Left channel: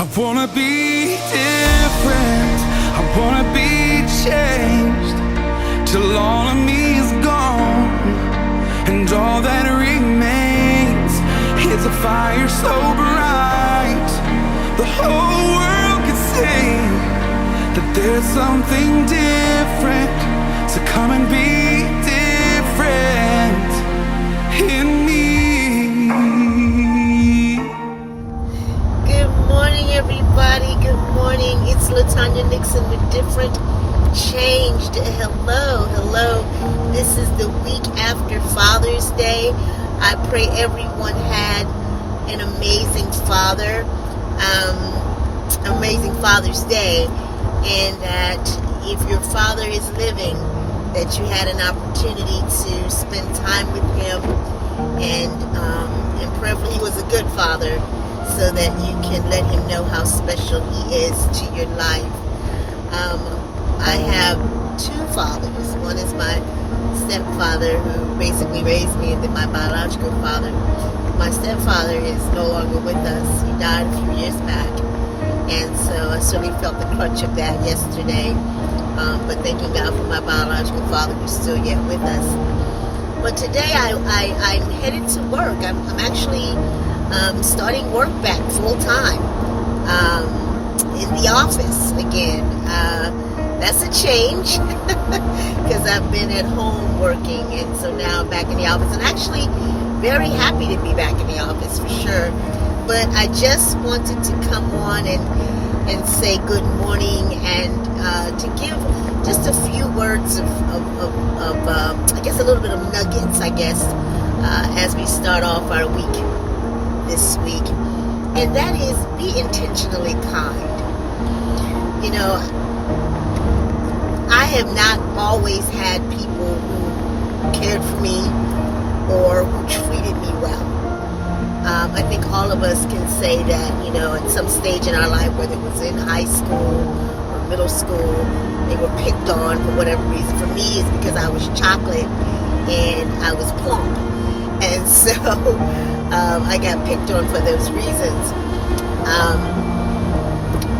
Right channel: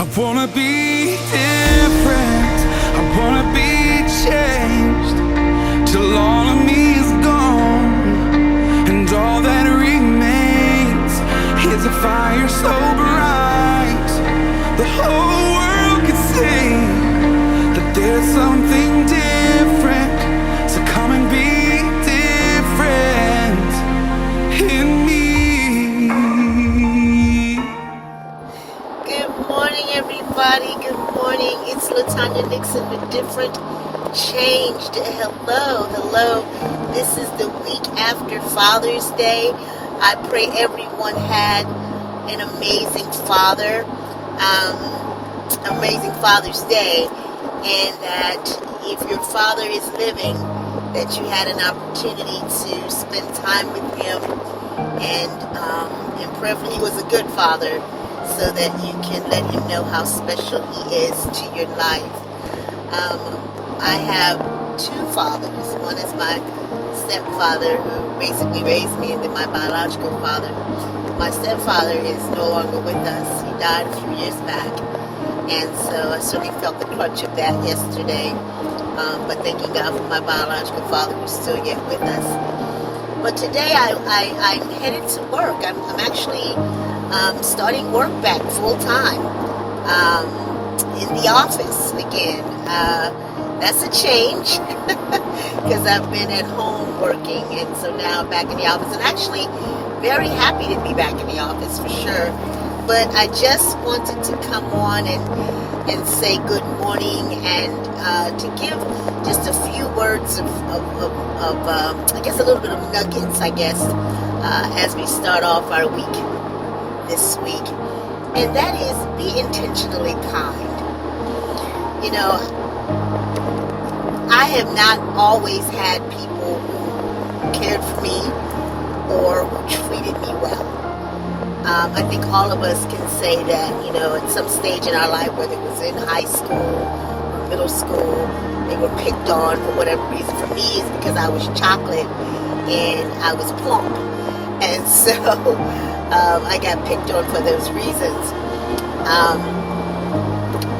I wanna be different, I wanna be changed, till all of me is gone, and all that remains is a fire so bright the whole world can see that there's something different. So come and be different in me. Everybody, good morning. It's Latanya Nixon with Different Changed. Hello. This is the week after Father's Day. I pray everyone had an amazing Father's Day, and that if your father is living, that you had an opportunity to spend time with him, and prayerfully he was a good father, so that you can let him know how special he is to your life. I have two fathers. One is my stepfather, who basically raised me, and then my biological father. My stepfather is no longer with us. He died a few years back, and so I certainly felt the crunch of that yesterday. But thanking God for my biological father, who's still yet with us. But today I'm headed to work. I'm actually starting work back full time in the office again. That's a change because I've been at home working, and so now I'm back in the office, and actually very happy to be back in the office for sure. But I just wanted to come on and say good morning, and to give just a few words of I guess a little bit of nuggets, as we start off our week this week, and that is be intentionally kind. You know, I have not always had people who cared for me or who treated me well. I think all of us can say that, at some stage in our life, whether it was in high school or middle school, they were picked on for whatever reason. For me, it's because I was chocolate and I was plump, and so I got picked on for those reasons.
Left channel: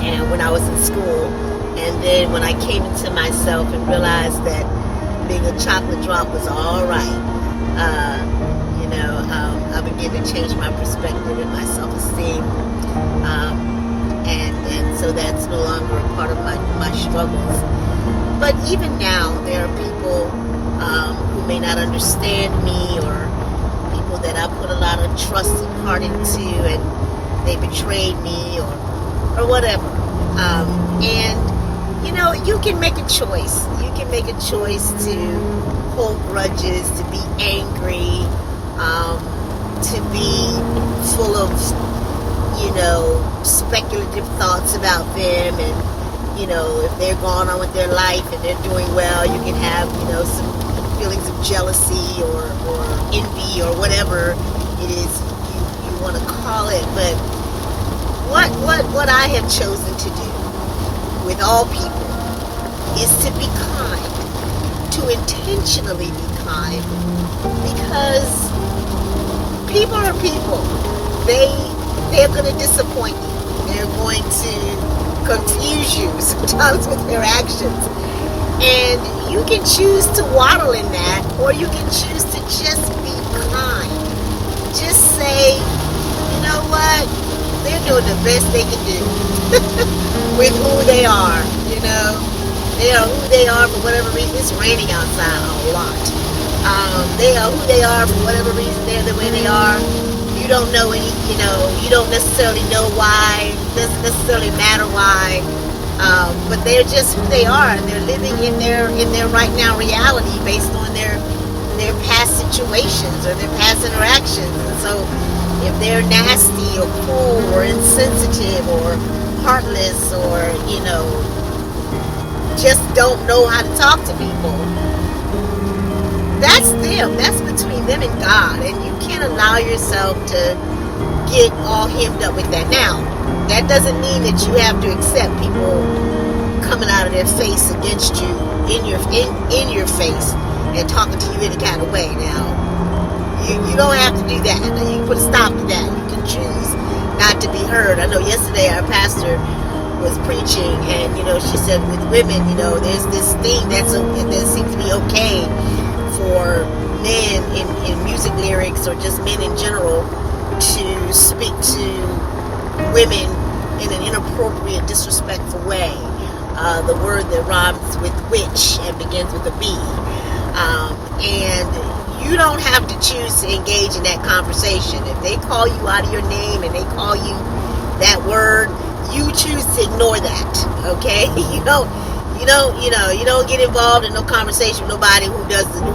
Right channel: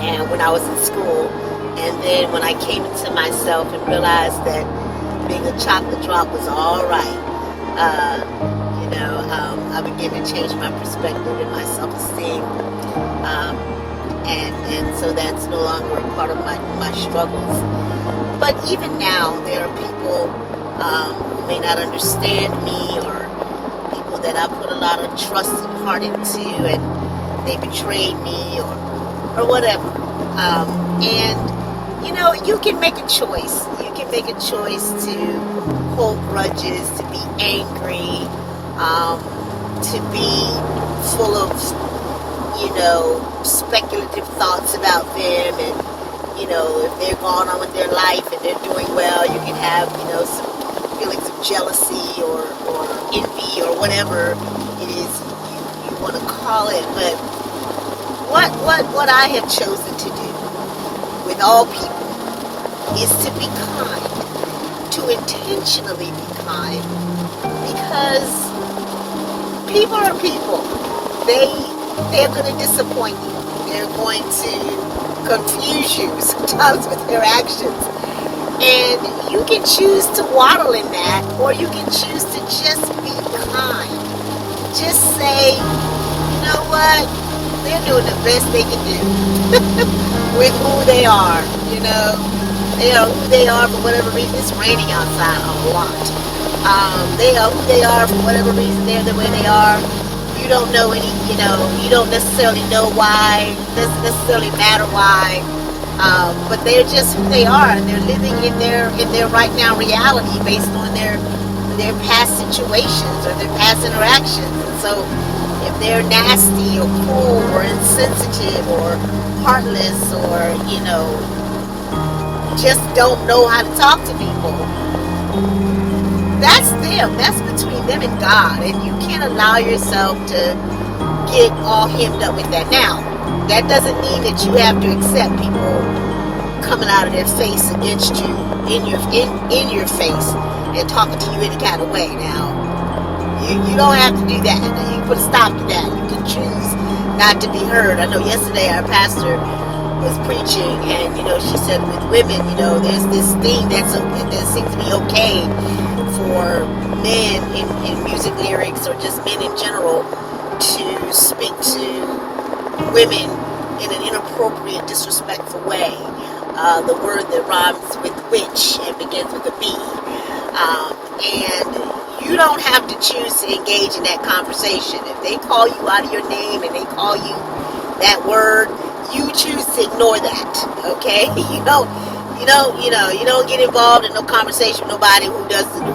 And when I was in school, and then when I came into myself and realized that being a chocolate drop was all right, I began to change my perspective and my self-esteem. And so that's no longer a part of my struggles. But even now, there are people who may not understand me, or people that I put a lot of trust and heart into, and they betrayed me or whatever. You can make a choice. You can make a choice to hold grudges, to be angry, to be full of, speculative thoughts about them, and, if they're going on with their life and they're doing well, you can have, some feelings of jealousy or envy or whatever it is you want to call it. But what I have chosen to do with all people is to be kind, to intentionally be kind, because people are people. They're going to disappoint you. They're going to confuse you sometimes with their actions. And you can choose to waddle in that, or you can choose to just be kind. Just say, you know what? They're doing the best they can do with who they are. They are who they are for whatever reason. It's raining outside a lot. They are who they are for whatever reason. They're the way they are. You don't know you don't necessarily know why. It doesn't necessarily matter why. But they're just who they are, and they're living in their right now reality based on their past situations or their past interactions. And so if they're nasty or cruel or insensitive or heartless or, just don't know how to talk to people, that's them. That's between them and God. And you can't allow yourself to get all hemmed up with that. Now, that doesn't mean that you have to accept people coming out of their face against you in your face and talking to you any kind of way. Now, you don't have to do that. Now, you can put a stop to that. You can choose not to be heard. I know yesterday our pastor was preaching, and she said with women, there's this thing that seems to be okay for men in music lyrics, or just men in general, to speak to women in an inappropriate, disrespectful way. The word that rhymes with witch and begins with a B. And you don't have to choose to engage in that conversation. If they call you out of your name and they call you that word, you choose to ignore that. Okay? You don't get involved in no conversation with nobody who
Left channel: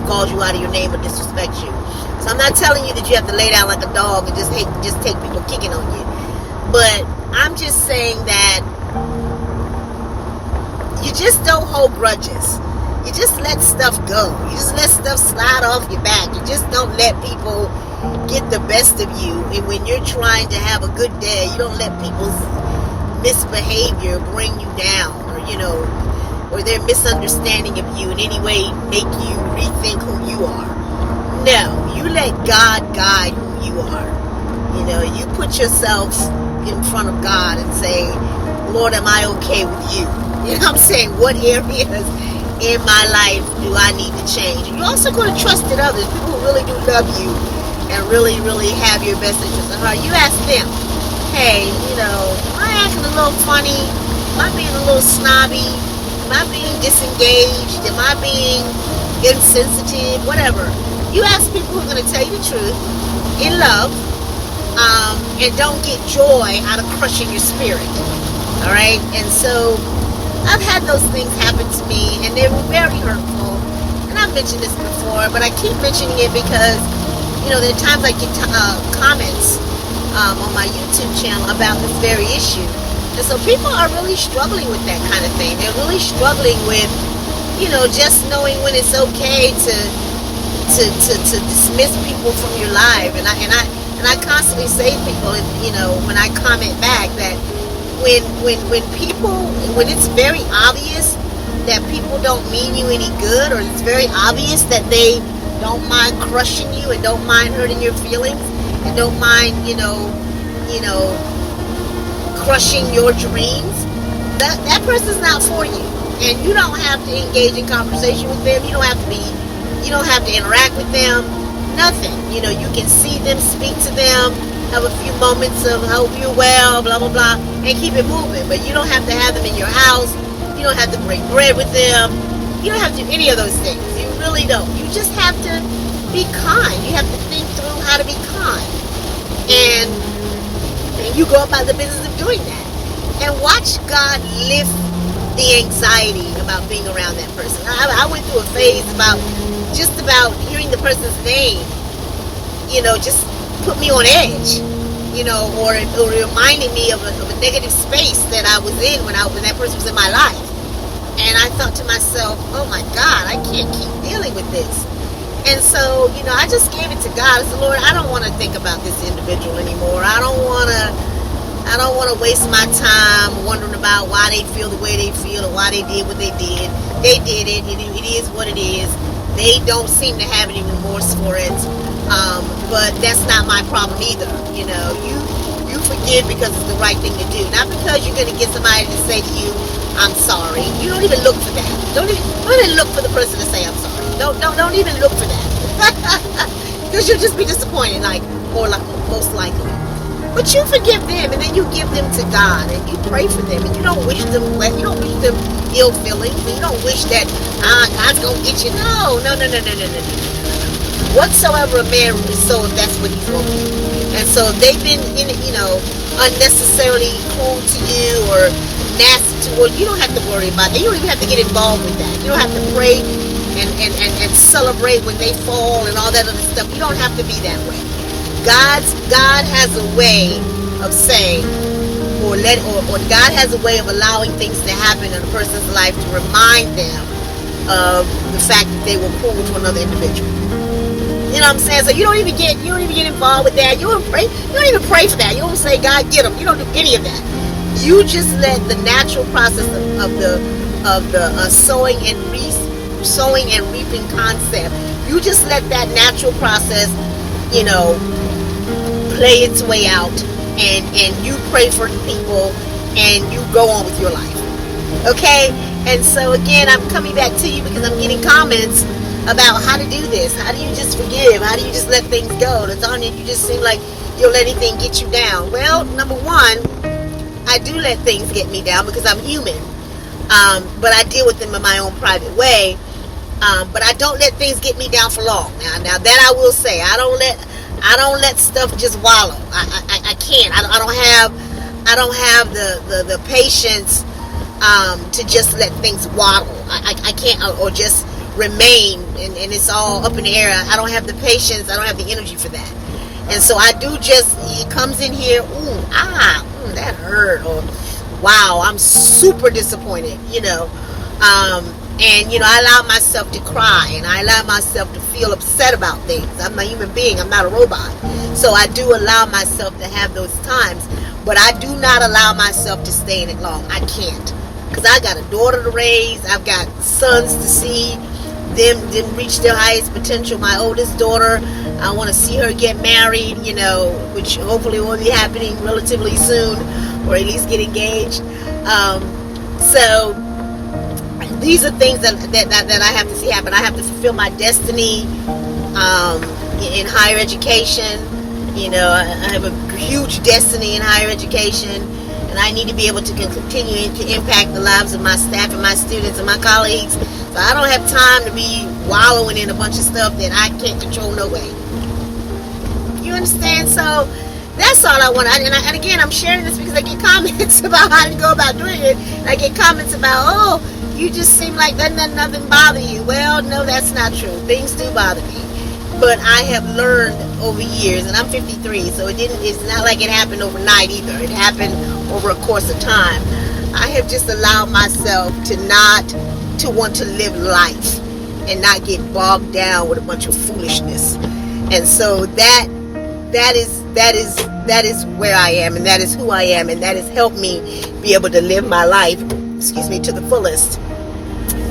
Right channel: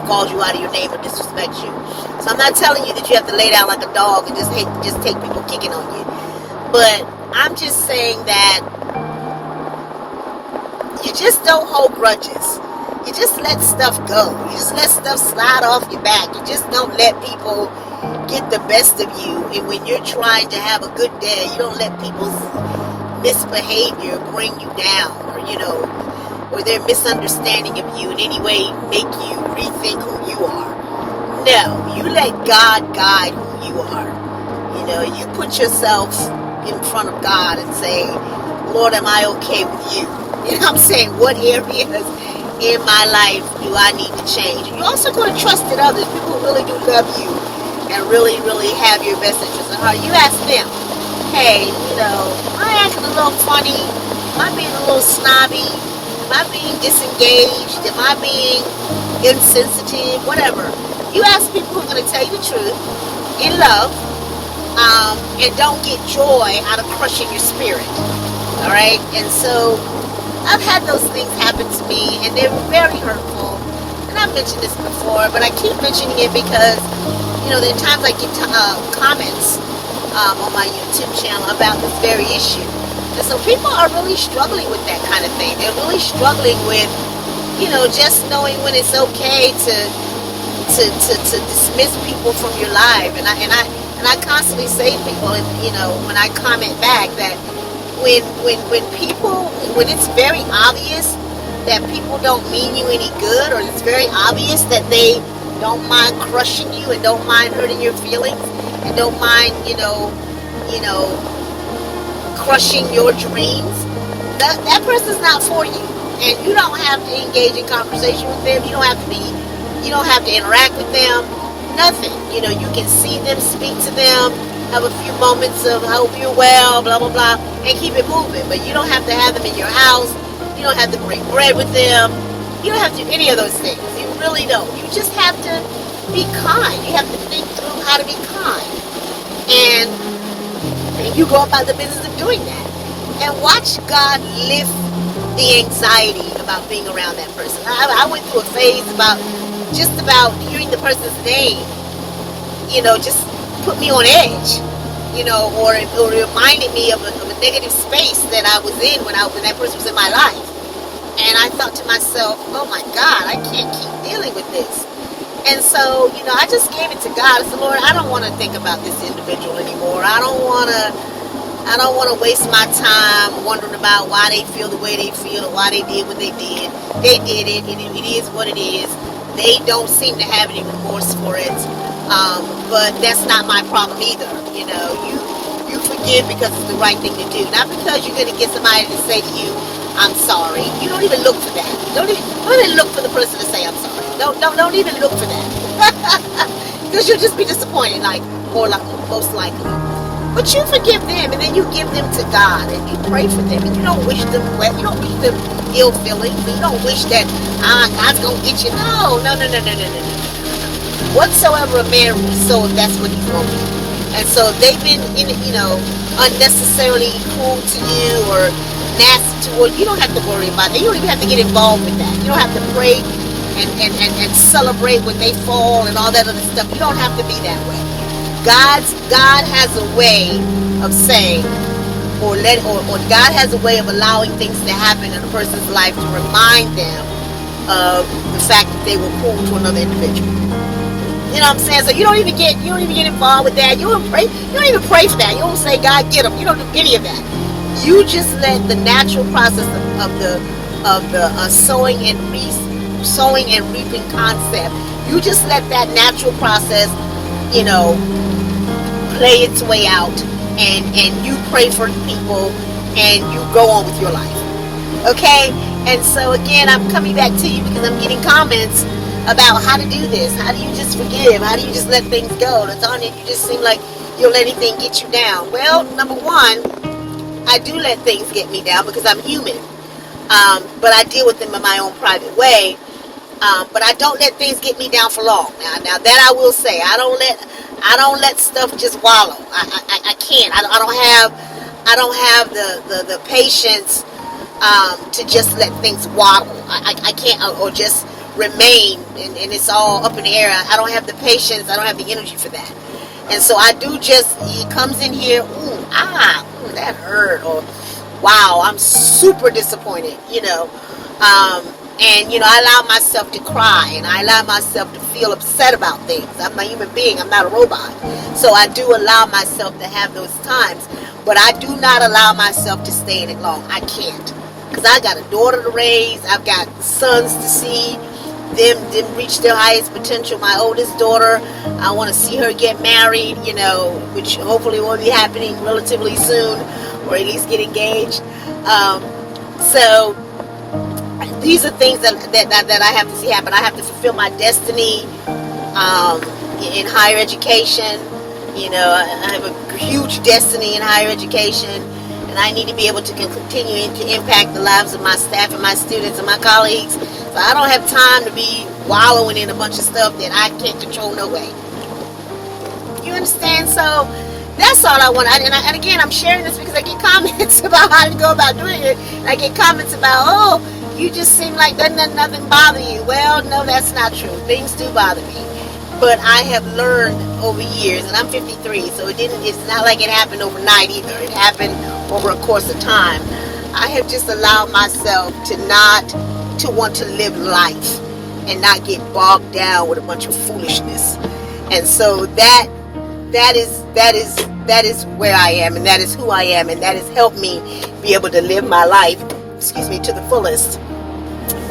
calls you out of your name or disrespects you. So I'm not telling you that you have to lay down like a dog and just take people kicking on you. But I'm just saying that you just don't hold grudges. You just let stuff go. You just let stuff slide off your back. You just don't let people get the best of you. And when you're trying to have a good day, you don't let people's misbehavior bring you down, or their misunderstanding of you in any way make you rethink who you are. No, you let God guide who you are. You put yourself in front of God and say, Lord, am I okay with you? You know what I'm saying? What areas in my life do I need to change? You're also going to trust in others. People who really do love you and really, really have your best interest at heart. You ask them, hey, am I acting a little funny? Am I being a little snobby? Am I being disengaged? Am I being insensitive? Whatever. You ask people who are going to tell you the truth in love, and don't get joy out of crushing your spirit. All right? And so I've had those things happen to me, and they're very hurtful. And I've mentioned this before, but I keep mentioning it because, there are times I get comments on my YouTube channel about this very issue. And so people are really struggling with that kind of thing. They're really struggling with, just knowing when it's okay to dismiss people from your life. And I constantly say to people, when I comment back, that when it's very obvious that people don't mean you any good, or it's very obvious that they don't mind crushing you and don't mind hurting your feelings and don't mind, crushing your dreams, that person's not for you. And you don't have to engage in conversation with them. You don't have to interact with them. Nothing. You can see them, speak to them, have a few moments of hope you're well, blah, blah, blah, and keep it moving. But you don't have to have them in your house. You don't have to break bread with them. You don't have to do any of those things. You really don't. You just have to be kind. You have to think through how to be kind. And you go about the business of doing that. And watch God lift the anxiety about being around that person. I went through a phase about hearing the person's name, just put me on edge, or it reminded me of a negative space that I was in when that person was in my life. And I thought to myself, oh my God, I can't keep dealing with this. And so, I just gave it to God. I said, Lord, I don't want to think about this individual anymore. I don't want to waste my time wondering about why they feel the way they feel, or why they did what they did. They did it, and it is what it is. They don't seem to have any remorse for it. But that's not my problem either. You forgive because it's the right thing to do. Not because you're going to get somebody to say to you, I'm sorry. You don't even look for that. Don't even look for the person to say I'm sorry. Don't even look for that. Because you'll just be disappointed, most likely. But you forgive them, and then you give them to God, and you pray for them, and you don't wish them well. You don't wish them ill feelings, and you don't wish that God's gonna get you. No. Whatsoever a man will sow, that's what he's going to do. And so they've been, unnecessarily cruel to you or nasty to you. You don't have to worry about that. You don't even have to get involved with that. You don't have to pray and celebrate when they fall and all that other stuff. You don't have to be that way. God has a way of saying, or God has a way of allowing things to happen in a person's life to remind them of the fact that they were cruel to another individual. You know what I'm saying? So you don't even get involved with that. You don't even pray for that. You don't say, God, get them. You don't do any of that. You just let the natural process of the sowing and reaping concept. You just let that natural process, play its way out and you pray for people, and you go on with your life. Okay? And so again, I'm coming back to you because I'm getting comments about how to do this. How do you just forgive? How do you just let things go? Latanya, you just seem like you'll let anything get you down. Well, number one, I do let things get me down because I'm human. But I deal with them in my own private way. But I don't let things get me down for long. Now that I will say, I don't let stuff just wallow. I can't. I don't have the patience to just let things waddle. I can't, or just remain and it's all up in the air. I don't have the patience. I don't have the energy for that. And so I do just, it comes in here, that hurt, or wow, I'm super disappointed, and I allow myself to cry, and I allow myself to feel upset about things. I'm a human being, I'm not a robot. So I do allow myself to have those times, but I do not allow myself to stay in it long. I can't, because I got a daughter to raise, I've got sons to see them reach their highest potential. My oldest daughter, I want to see her get married, which hopefully will be happening relatively soon, or at least get engaged. So these are things that I have to see happen. I have to fulfill my destiny in higher education. I have a huge destiny in higher education, and I need to be able to continue to impact the lives of my staff and my students and my colleagues. So I don't have time to be wallowing in a bunch of stuff that I can't control no way. You understand? So that's all I want. And again, I'm sharing this because I get comments about how to go about doing it. And I get comments about, you just seem like nothing bother you. Well, no, that's not true. Things do bother me. But I have learned over years, and I'm 53, so it's not like it happened overnight either. It happened over a course of time. I have just allowed myself to want to live life and not get bogged down with a bunch of foolishness. And so that is where I am, and that is who I am, and that has helped me be able to live my life, to the fullest,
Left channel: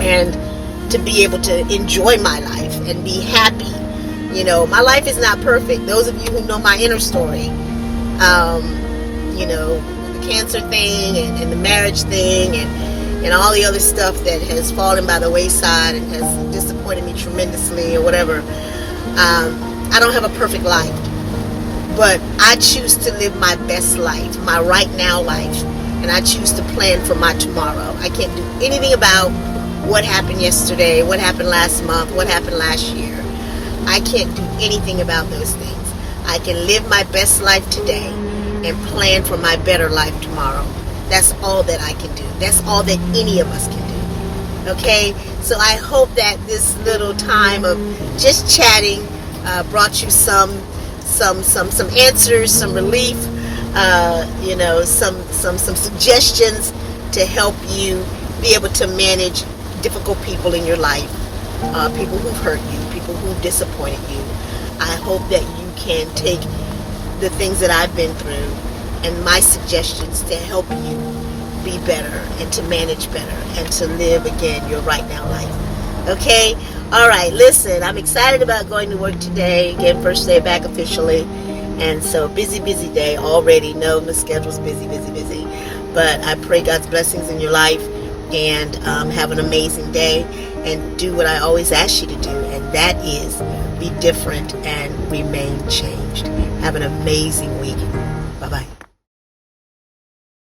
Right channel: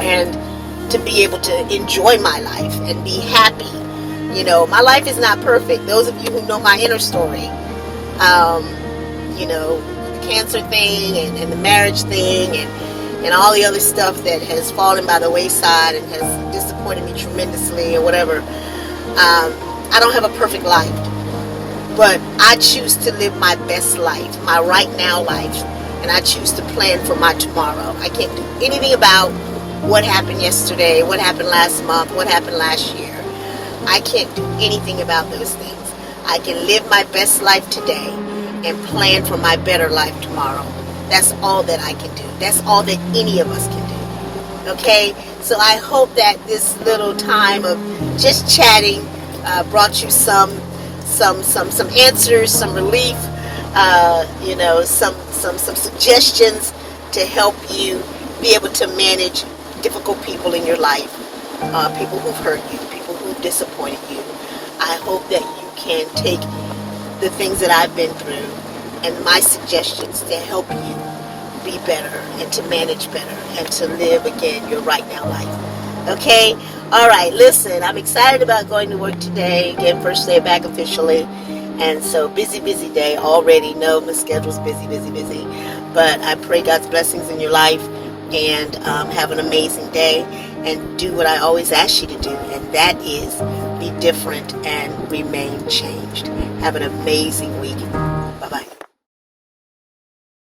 and to be able to enjoy my life and be happy. My life is not perfect. Those of you who know my inner story, the cancer thing and the marriage thing and all the other stuff that has fallen by the wayside and has disappointed me tremendously or whatever. I don't have a perfect life, but I choose to live my best life, my right now life, and I choose to plan for my tomorrow. I can't do anything about what happened yesterday, what happened last month, what happened last year. I can't do anything about those things. I can live my best life today and plan for my better life tomorrow. That's all that I can do. That's all that any of us can do. Okay? So I hope that this little time of just chatting brought you some answers, some relief, some suggestions to help you be able to manage difficult people in your life, people who've hurt you, people who've disappointed you. I hope that you can take the things that I've been through and my suggestions to help you be better and to manage better and to live again your right now life. Okay? All right, listen, I'm excited about going to work today. Again, first day back officially. And so busy day already. No, my schedule's busy. But I pray God's blessings in your life, and have an amazing day, and do what I always ask you to do, and that is be different and remain changed. Have an amazing week.